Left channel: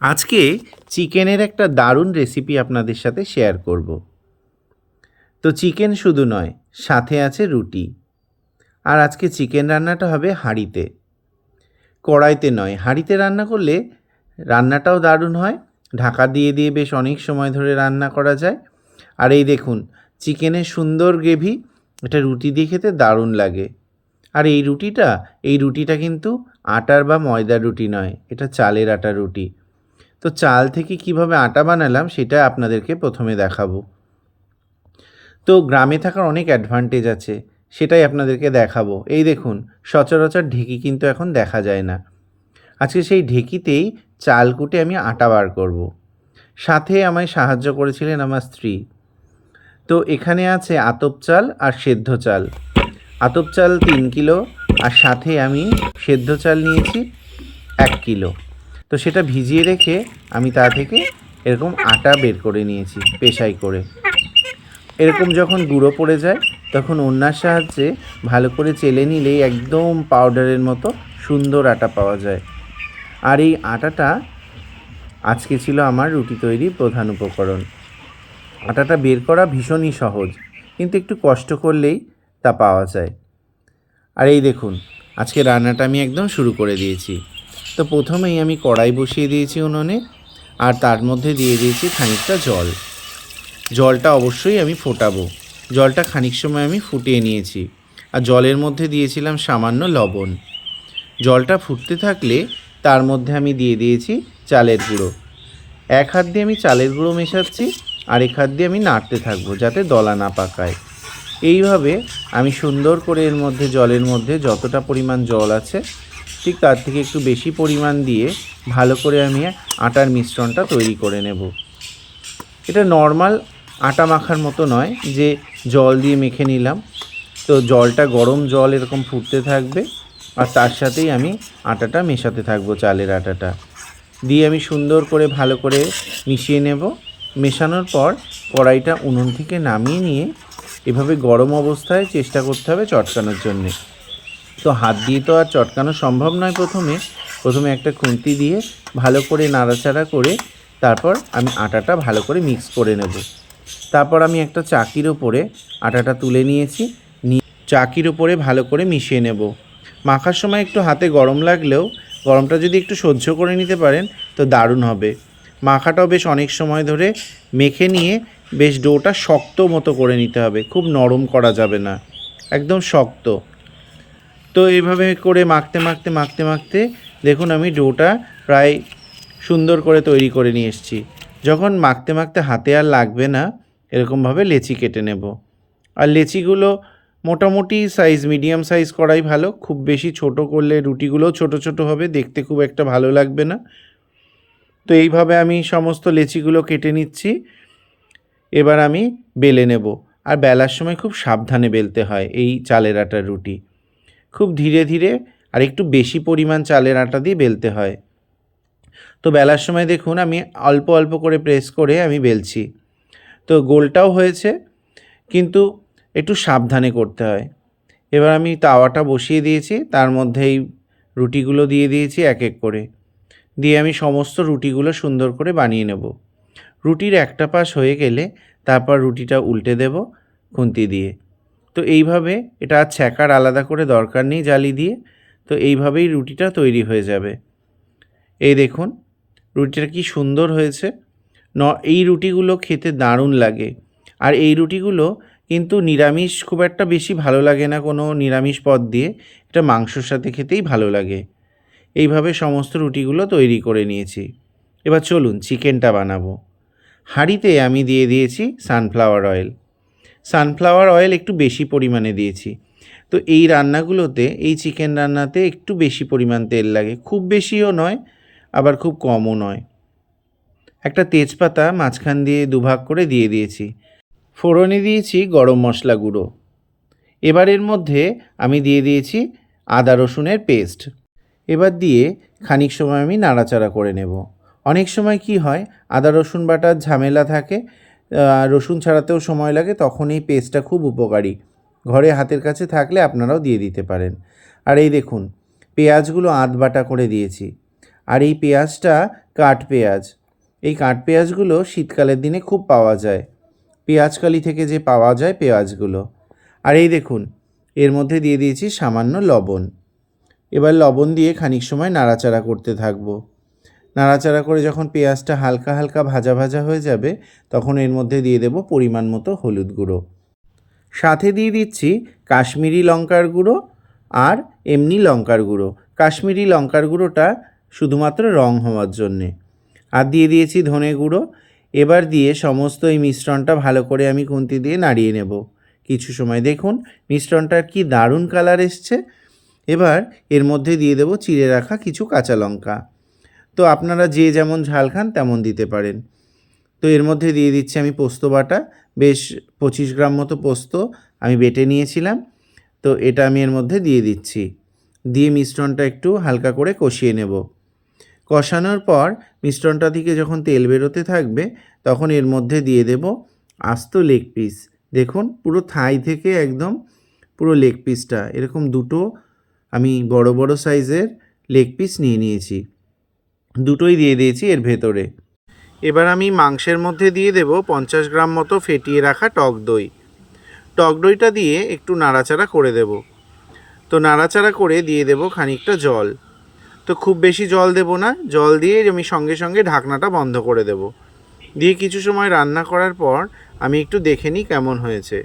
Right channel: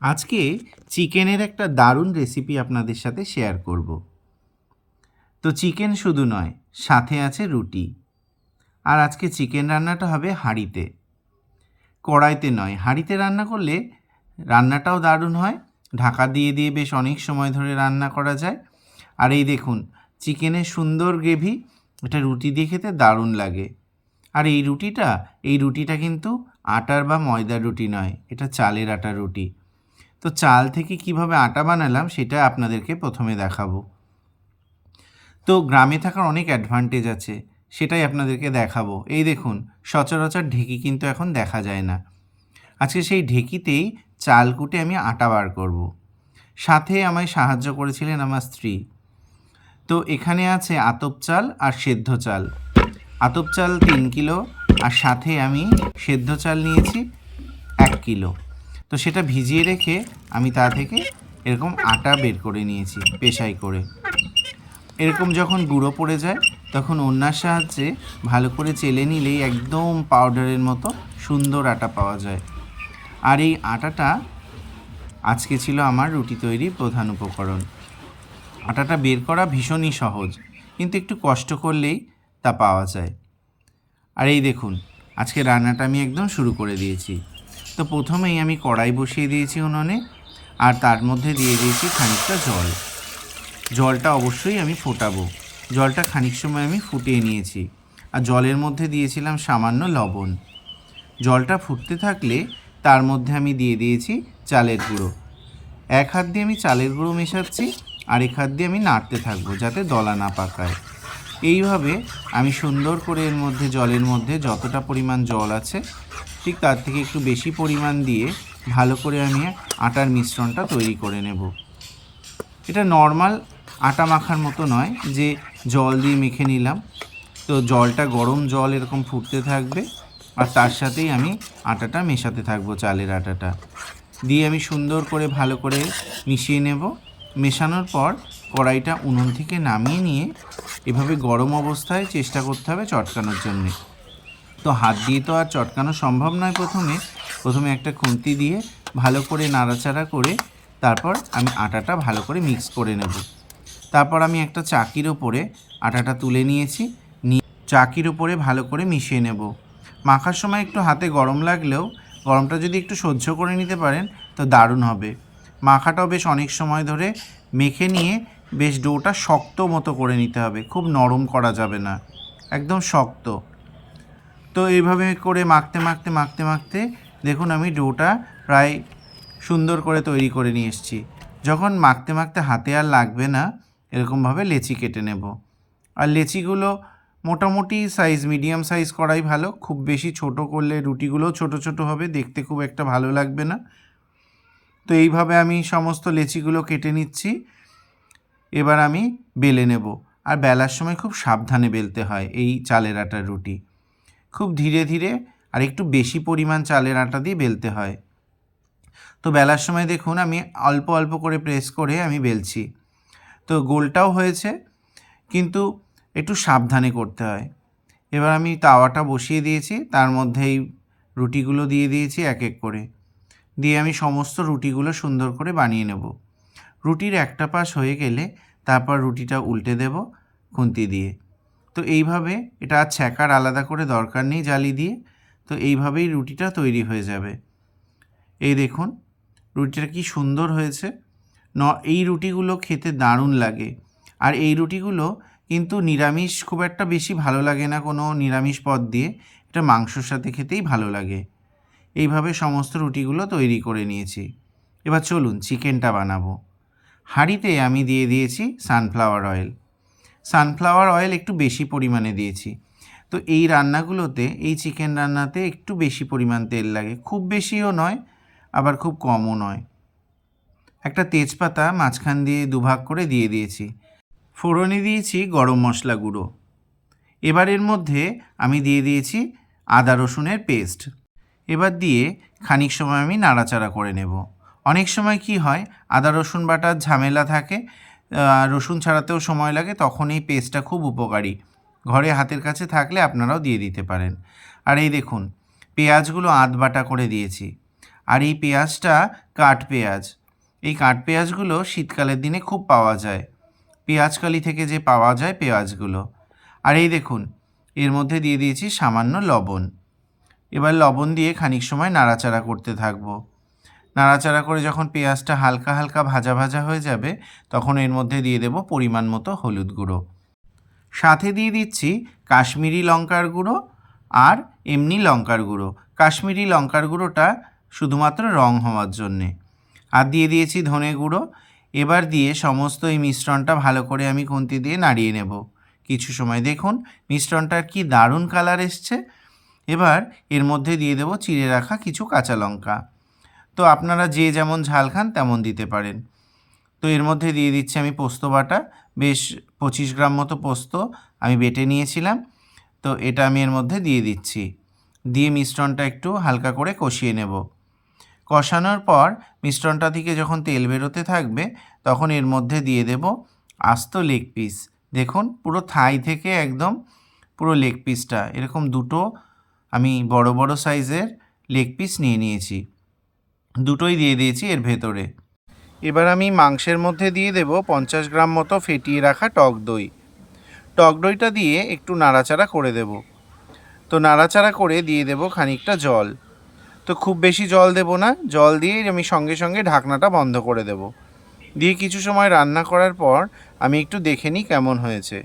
আজকে চিকেনের একটা দারুণ রেসিপি আপনাদের সাথে শেয়ার করব। তো চিকেন শুধু নয়, সাথে আছে রুটি। আর আজকে চিকেন রান্নাটা হবে হাঁড়িতে। কড়াইতে নয়, হাঁড়িতে রান্না করলে রান্নাটাও দারুণ হয়। ঢাকা দিয়ে দিয়ে বেশ অনেক সময় ধরে রান্না করা যায়। আর এই দেখুন, চিকেনের সুন্দর গ্রেভি, এটা রুটি দিয়ে খেতে দারুণ লাগে। আর এই রুটিটা এই রুটিটা কিন্তু আটার বা ময়দার রুটি নয়, এটা চালের আটার রুটি। তো চাল থেকে কীভাবে আটা বানালাম সেটা আপনাদেরকে প্রথমে দেখাবো। তো গ্রামে থাকার অনেক অ্যাডভান্টেজ আছে, সেটাই আপনাদেরকে দেখাবো। এই দেখুন, সচরাচর ঢেকি কিন্তু এখন দেখা যায় না। আজকে সেই ঢেকিতেই চাল কুটে আমি আটা বার করব। সাথে আমায় সাহায্য করেছিলেন আমার স্ত্রী। তো এখানে আছে আতপ চাল আর সেদ্ধ চাল। আতপ চাল তিন কিলো আর সাথে আমি সেদ্ধ চাল নিয়েছি এক কিলো। তো সেটা ভিজিয়ে রেখে আমি তা থেকে এরকম আটা বের করে নিয়েছি, পেশাই করে। এরকম যখন গুঁড়ো পড়ে যায়, তখন অন্যার সাহায্যে ভালো করে চেলে নিলেই একদম পাউডারের মতো সুন্দর আটা পাওয়া যায়। আর এই আটাটা আজকে ছিল আমার রুটি তৈরির প্রধান উপকরণ। আটাটা বের করা ভীষণই সহজ, কিন্তু একটু কষ্ট করলেই তা পাওয়া যায়। আর এই দেখুন, আজকে রান্নাটা আমি একদম শুরু করে দিয়েছি। তো প্রথমেই আমি কড়াই বসিয়ে দিয়েছি উনুনে, আর তার মধ্যে দিয়ে দিয়েছি খানিকটা জল। জলটা অবশ্যই আমি ফোটাবো। জলটা খানিক সময় আমি ফুটিয়ে নিয়েছি, আর জলের মধ্যে দিয়েছিলাম সামান্য লবণ। জলটা ফুটতে থাকলে তার মধ্যে আমি দিয়ে দিয়েছি চালের গুঁড়ো। এক হাত দিয়ে আমি চালের গুঁড়ো মেশাচ্ছি, আর এক হাত দিয়ে আমি নাড়তে থাকব যাতে দলা না পাকায়। এইভাবে আমি সুন্দর করে এর মধ্যে, জলের মধ্যে যতটা পরিমাণ জল আছে ঠিক তার থেকে একটু বেশি পরিমাণ দিয়ে ভালো করে আমি আটার মিশ্রণটা তৈরি করে নেব। এটা নর্মাল আটা মাখার মতো নয়, যে জল দিয়ে মেখে নিলাম। তো জলটা গরম জল এরকম ফুটতে থাকবে আর তার সাথেই আমি আটাটা মেশাতে থাকব, চালের আটাটা। দিয়ে আমি সুন্দর করে ভালো করে মিশিয়ে নেব। মেশানোর পর কড়াইটা উনুন থেকে নামিয়ে নিয়ে এভাবে গরম অবস্থায় চেষ্টা করতে হবে চটকানোর জন্যে। তো হাত দিয়ে তো আর চটকানো সম্ভব নয় প্রথমে। প্রথমে একটা খুন্তি দিয়ে ভালো করে নাড়াচাড়া করে তারপর আমি আটাটা ভালো করে মিক্স করে নেব। তারপর আমি একটা চাকির ওপরে আটাটা তুলে নিয়েছি। নিয়ে চাকির ওপরে ভালো করে মিশিয়ে নেব। মাখার সময় একটু হাতে গরম লাগলেও গরমটা যদি একটু সহ্য করে নিতে পারেন তো দারুণ হবে। মাখাটাও বেশ অনেক সময় ধরে মেখে নিয়ে বেশ ডোটা শক্ত মতো করে নিতে হবে। খুব নরম করা যাবে না। একদম শক্ত। তো এইভাবে করে মাখতে মাখতে মাখতে মাখতে দেখুন আমি ডোটা প্রায় সুন্দর করে তৈরি করে নিয়ে এসেছি। যখন মাখতে মাখতে হাতে আর লাগবে না, এরকমভাবে লেচি কেটে নেব। আর লেচিগুলো মোটামুটি সাইজ মিডিয়াম সাইজ করাই ভালো, খুব বেশি ছোট করলে রুটিগুলোও ছোট ছোট হবে, দেখতে খুব একটা ভালো লাগবে না। তো এইভাবে আমি সমস্ত লেচিগুলো কেটে নিচ্ছি, এবার আমি বেলে নেব। আর বেলার সময় খুব সাবধানে বেলতে হয় এই চালের আটার রুটি। খুব ধীরে ধীরে আর একটু বেশি পরিমাণ চালের আটা দিয়ে বেলতে হয়। তো বেলার সময় দেখুন, আমি অল্প অল্প করে প্রেস করে আমি বেলছি। তো গোলটাও হয়েছে, কিন্তু একটু সাবধানে করতে হয়। এবার আমি তাওয়াটা বসিয়ে দিয়েছি, তার মধ্যেই রুটিগুলো দিয়ে দিয়েছি এক এক করে। দিয়ে আমি সমস্ত রুটিগুলো সুন্দর করে বানিয়ে নেব। রুটির একটা পাশ হয়ে গেলে তারপর রুটিটা উল্টে দেব খুন্তি দিয়ে। তো এইভাবে এটা আর ছ্যাঁকার আলাদা করে দরকার নেই জালি দিয়ে, তো এইভাবেই রুটিটা তৈরি হয়ে যাবে। এই দেখুন, রুটিটা কি সুন্দর হয়েছে। ন, এই রুটিগুলো খেতে দারুণ লাগে। আর এই রুটিগুলো কিন্তু নিরামিষ খুব একটা বেশি ভালো লাগে না কোনো নিরামিষ পদ দিয়ে, এটা মাংসর সাথে খেতেই ভালো লাগে। এইভাবে সমস্ত রুটিগুলো তৈরি করে নিয়েছি। এবার চলুন চিকেনটা বানাবো। হাঁড়িতে আমি দিয়ে দিয়েছি সানফ্লাওয়ার অয়েল। সানফ্লাওয়ার অয়েল একটু বেশি পরিমাণে দিয়েছি। তো এই রান্নাগুলোতে, এই চিকেন রান্নাতে একটু বেশি পরিমাণ তেল লাগে। খুব বেশিও নয়, আবার খুব কমও নয়। একটা তেজপাতা মাঝখান দিয়ে দুভাগ করে দিয়ে দিয়েছি। ফোড়নে দিয়েছি গরম মশলা গুঁড়ো। এবার এর মধ্যে আমি দিয়ে দিয়েছি আদা রসুনের পেস্ট এবার দিয়ে খানিক সময় আমি নাড়াচাড়া করে নেব। অনেক সময় কি হয়, আদা রসুন বাটার ঝামেলা থাকে রসুন ছাড়াতেও সময় লাগে তখন এই পেস্টটা খুব উপকারী। ঘরে হাতের কাছে থাকলে আপনারাও দিয়ে দিতে পারেন। আর এই দেখুন, পেঁয়াজগুলো আধ বাটা করে দিয়েছি। আর এই পেঁয়াজটা কাঠ পেঁয়াজ। এই কাঠ পেঁয়াজগুলো শীতকালের দিনে খুব পাওয়া যায়। পেঁয়াজকালি থেকে যে পাওয়া যায় পেঁয়াজগুলো। আর এই দেখুন, এর মধ্যে দিয়ে দিয়েছি সামান্য লবণ। এবার লবণ দিয়ে খানিক সময় নাড়াচাড়া করতে থাকব। নাড়াচাড়া করে যখন পেঁয়াজটা হালকা হালকা ভাজা ভাজা হয়ে যাবে, তখন এর মধ্যে দিয়ে দেব পরিমাণ মতো হলুদ গুঁড়ো। সাথে দিয়ে দিচ্ছি কাশ্মীরি লঙ্কার গুঁড়ো আর এমনি লঙ্কার গুঁড়ো। কাশ্মীরি লঙ্কার গুঁড়োটা শুধুমাত্র রং হওয়ার জন্যে। আর দিয়ে দিয়েছি ধনে গুঁড়ো। এবার দিয়ে সমস্ত এই মিশ্রণটা ভালো করে আমি খুন্তি দিয়ে নাড়িয়ে নেব। কিছু সময় দেখুন, মিশ্রণটার কি দারুণ কালার এসছে। এবার এর মধ্যে দিয়ে দেব চিড়ে রাখা কিছু কাঁচা লঙ্কা। তো আপনারা যে যেমন ঝাল খান তেমন দিতে পারেন। তো এর মধ্যে দিয়ে দিচ্ছি আমি পোস্ত বাটা। বেশ পঁচিশ গ্রাম মতো পোস্ত আমি বেটে নিয়েছিলাম। তো এটা আমি এর মধ্যে দিয়ে দিচ্ছি। দিয়ে মিশ্রণটা একটু হালকা করে কষিয়ে নেব। কষানোর পর মিশ্রণটা থেকে যখন তেল বেরোতে থাকবে, তখন এর মধ্যে দিয়ে দেব আস্ত লেগ পিস। দেখুন, পুরো থাই থেকে একদম পুরো লেগ পিসটা। এরকম দুটো আমি বড় বড় সাইজের লেগ পিস নিয়ে নিয়েছি। দুটোই দিয়ে দিয়েছি এর ভেতরে। এবার আমি মাংসের মধ্যে দিয়ে দেব পঞ্চাশ গ্রাম মতো ফেটিয়ে রাখা টক দই। টক দইটা দিয়ে একটু নাড়াচাড়া করে দেব। তো নাড়াচাড়া করে দিয়ে দেব খানিকটা জল। তো খুব বেশি জল দেব না, জল দিয়ে আমি সঙ্গে সঙ্গে ঢাকনাটা বন্ধ করে দেব। দিয়ে কিছু সময় রান্না করার পর আমি একটু দেখে নিই কেমন হয়েছে।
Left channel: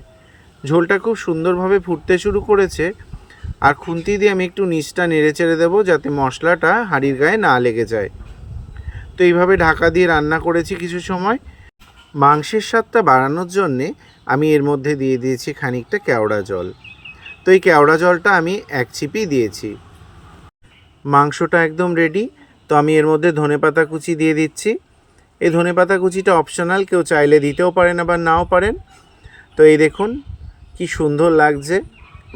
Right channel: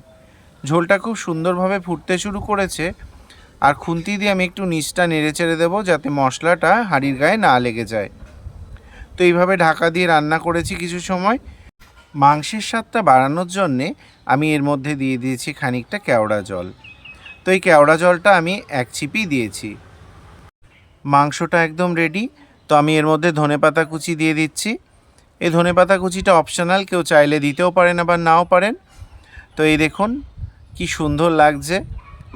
ঝোলটা খুব সুন্দরভাবে ফুটতে শুরু করেছে। আর খুন্তি দিয়ে আমি একটু নিচটা নেড়ে চেড়ে দেবো যাতে মশলাটা হাঁড়ির গায়ে না লেগে যায়। তো এইভাবে ঢাকা দিয়ে রান্না করেছি কিছু সময়। মাংসের স্বাদটা বাড়ানোর জন্যে আমি এর মধ্যে দিয়ে দিয়েছি খানিকটা কেওড়া জল। তো এই কেওড়া জলটা আমি এক চিপি দিয়েছি। মাংসটা একদম রেডি তো আমি এর মধ্যে ধনেপাতা কুচি দিয়ে দিচ্ছি। এই ধনেপাতা কুচিটা অপশনাল কেউ চাইলে দিতেও পারেন আবার নাও পারেন। তো এই দেখুন, কি সুন্দর লাগছে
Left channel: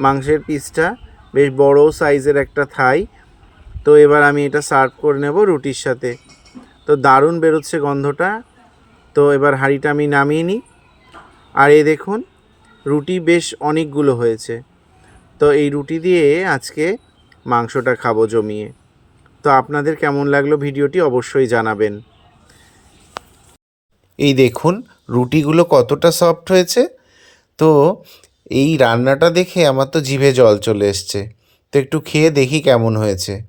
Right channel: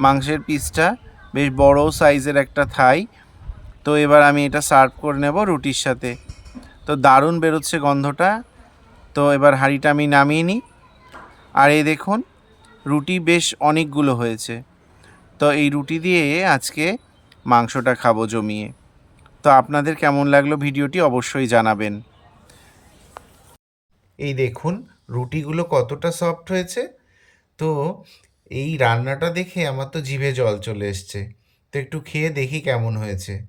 মাংসের পিসটা বেশ বড় সাইজের একটা থাই। তো এবার আমি এটা সার্ভ করে নেব রুটির সাথে। তো দারুণ বেরোচ্ছে গন্ধটা। তো এবার হাঁড়িটা আমি নামিয়ে নিই। আর এই দেখুন, রুটি বেশ অনেকগুলো হয়েছে। তো এই রুটি দিয়ে আজকে মাংসটা খাব জমিয়ে। তো আপনাদের কেমন লাগল ভিডিওটি অবশ্যই জানাবেন। এই দেখুন, রুটিগুলো কতটা সফট হয়েছে। তো এই রান্নাটা দেখে আমার তো জিভে জল চলে এসছে। তো একটু খেয়ে দেখি কেমন হয়েছে।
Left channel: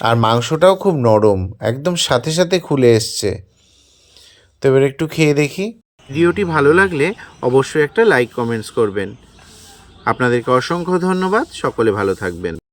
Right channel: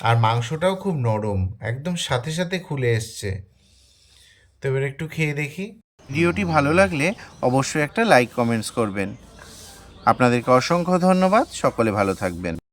আর মাংসটাও খুব নরম, একদম সাথে সাথে খুলে এসছে। তো এবার একটু খেয়ে দেখি। ভিডিওটি ভালো লাগলে অবশ্যই একটা লাইক, কমেন্টস করবেন। আপনাদেরকে অসংখ্য ধন্যবাদ। সকলে ভালো থাকবেন।